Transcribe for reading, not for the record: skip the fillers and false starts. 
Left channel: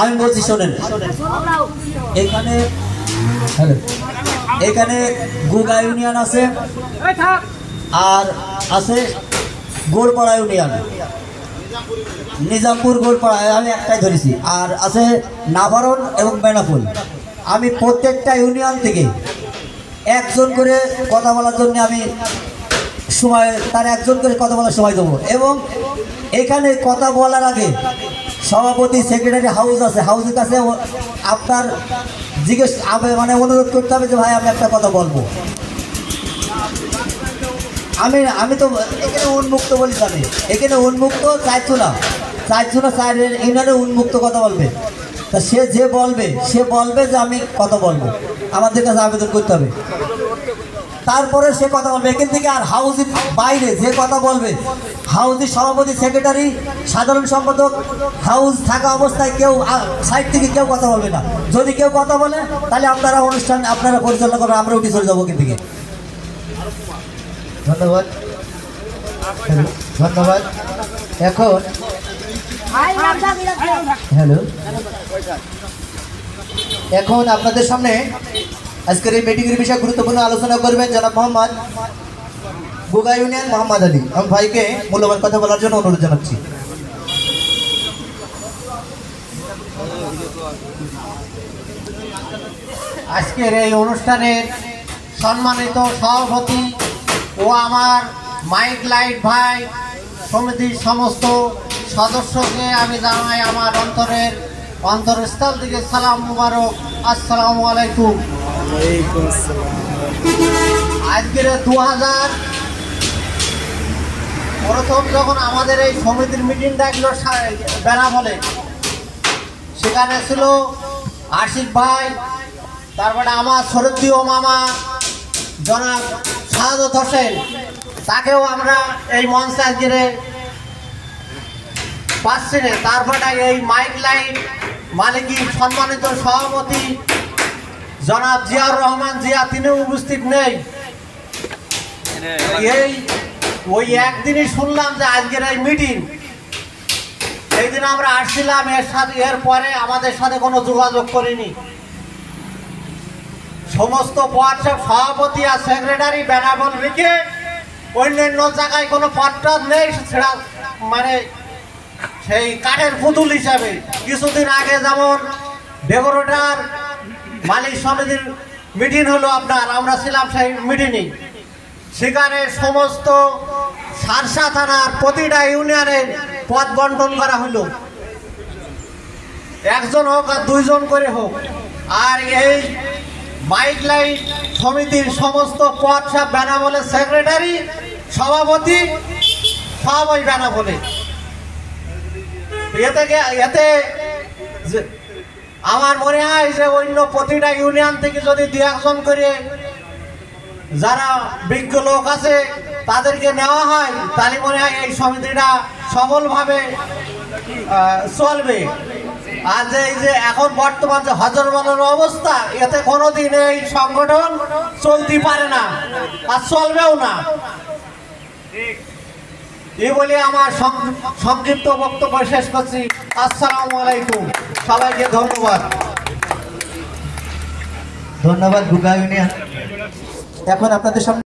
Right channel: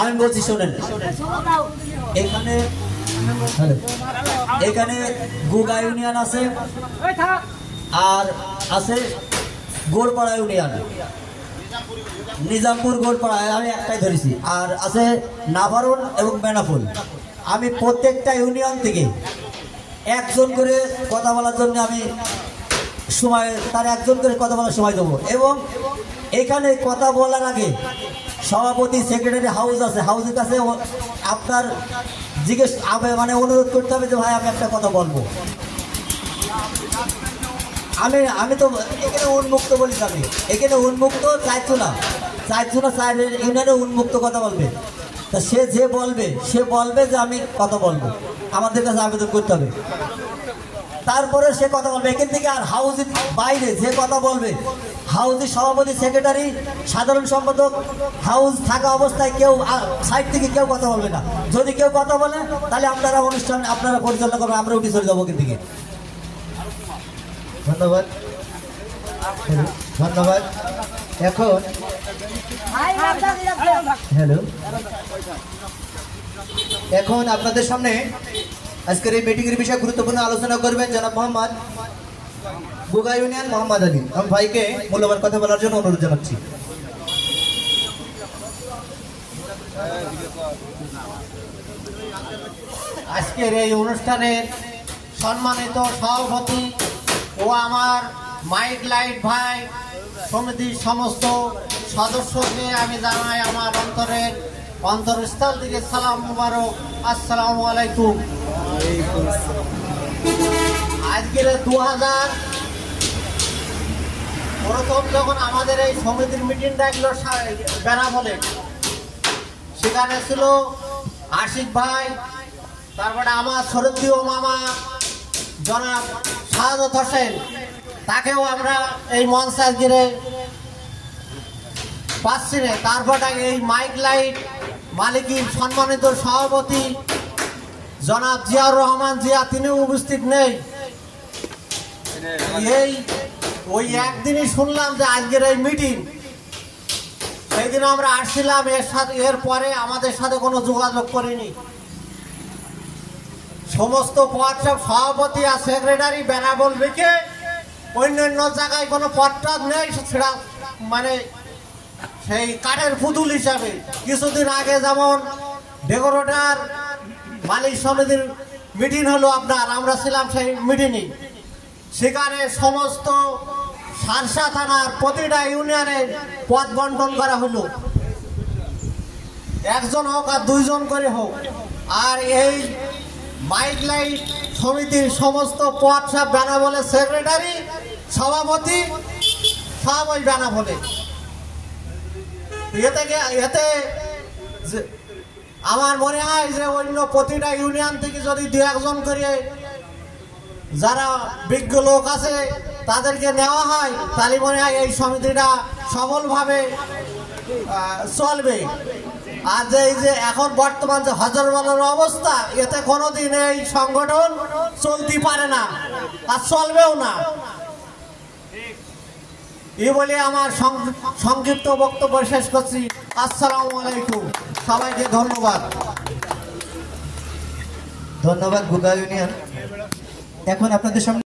আমি বলছি শোনেন, এখানে এখানে গুগা ইউনিয়ন আছে আর আছে গোলপাড়া ইউনিয়ন, নিজামপুর গোলপাড়ায় আমি একটাই ধরেছি, আর আছে নাভারণ এবং বেনাফুল। আমি প্রত্যেকটা ইউনিয়ন থেকে একজন করে কথা বলার জন্য আমি সময়, তার একজন করে কথা বলার সময় দেবো। এবং এখানে কথা বলার আগে সভাপতি সেক্রেটারি হাউস আছে, হাউসের কাছে আপনার জিজ্ঞেস মানে অনুরোধ করতে হবে যে ভাই আমি একটা কথা বলবো। আমি তো এখানে উন্মুক্ত বলি, জানি এখানে উন্মুক্ত চারচুলা ইউনিয়নে উন্মুক্ত কথা বলবে। তা সে বলবে যে আমি কথা বলবো, আমাদের কাছে আবেদন করতে হবে, তারপরে সে কথা বলবে এখান থেকে। আর হাউসের বাইরে যে কথা বলবে, হাউসের সভাপতি সেক্রেটারি সাধারণ সম্পাদক হাউস থাকা অবস্থায় কেউ সাইড থেকে কেউ কথা বলবে না। যদি কেউ কথা বলে তাহলে আপনারা অনুষ্ঠান আপনারা পরিচালনা করবেন, আমরা উঠে চলে যাবো এখান থেকে। ধন্যবাদ। এখন হ্যালো, এখন আপনাদের সামনে আজকের এই মিটিংয়ের বিষয়ে গুরুত্বপূর্ণ আলোচনা করবেন জনাব মোহাম্মদ গুগা ইউনিয়ন মোহাম্মদ আলী। আমি ভাইকে মূল্যবান কথা বলার জন্য অনুরোধ জানাচ্ছি। আজকের এই অনুষ্ঠানের সম্মানিত সভাপতি ও আমার মাইক লাইট ভাই সমিতির সমস্ত সদস্যকে আমি জানাই আমার অন্তরস্থল থেকে সালাম মুবারক, আসসালামু আলাইকুম। আজকের 2000 প্রথম যখন আমাদের এই সমিতির মিটিং ডাকলো বেনাপোলে, সেখানে ছিল আশিক ভাই, তারপরে আমার শরদীয় মামা জনাব শাহাদত হোসেন, তাকেও আমরা এই মঞ্চে আজকে পাচ্ছি না। তারপরে এই মাইক লাইট মালিকের সম্মানিত সভাপতি জনাব জিয়াউর রহমান জিয়া, তিনি উপস্থিত নেই। ওই একদিনই শুনলাম যে আজকের এই মিটিং, সেই দিন আমরা আসছিলাম, এর পরে আমাদের সাথে কোনো যোগাযোগ করিনি। সমস্ত পদ সভাপতি আর সেক্রেটারি বেনাবল রেখে অন্যান্য জায়গায় কোনো পদ নেই, সেটা মানে সেই কাঠের পুতুল হিসাবে। কিছুদিন আগে যেমন ডেকোরেটার মালিক সমিতির মিটিং হলো আপনার, আমরা ছিলাম সেই মিটিংয়ে। সেখানে সমস্ত সারসা থানার প্রতিটা ইউনিয়নের পদ বন্টন করা হলো, একজন হোক আর দুইজন করে হোক। আর এই মাইক লাইট সমিতির সমস্ত পদ সব বেনাপোলে সেক্রেটারি সভাপতি সব ওই বেনাপোলে। এতে আমার মনে হয় যে অন্য প্রতিটা ইউনিয়ন থেকে যদি 2-1 করে যারা বিজ্ঞ লোক আছে তাদেরকে নেওয়া হয়, তাহলে মনে হয় এই সমিতিটা সফলভাবে চলবে। আর যে এই যে এখন বর্তমান যে হজরমালার অবস্থা, এতে কোনোদিন এই সংগঠন চলতে পারে না আর চলবেও না। এই বলে আমার সংক্ষিপ্ত বক্তব্য শেষ করছি। আসসালামু আলাইকুম, সবাইকে ধন্যবাদ। ধন্যবাদ গুগা ইউনিয়ন। এখন আপনাদের সামনে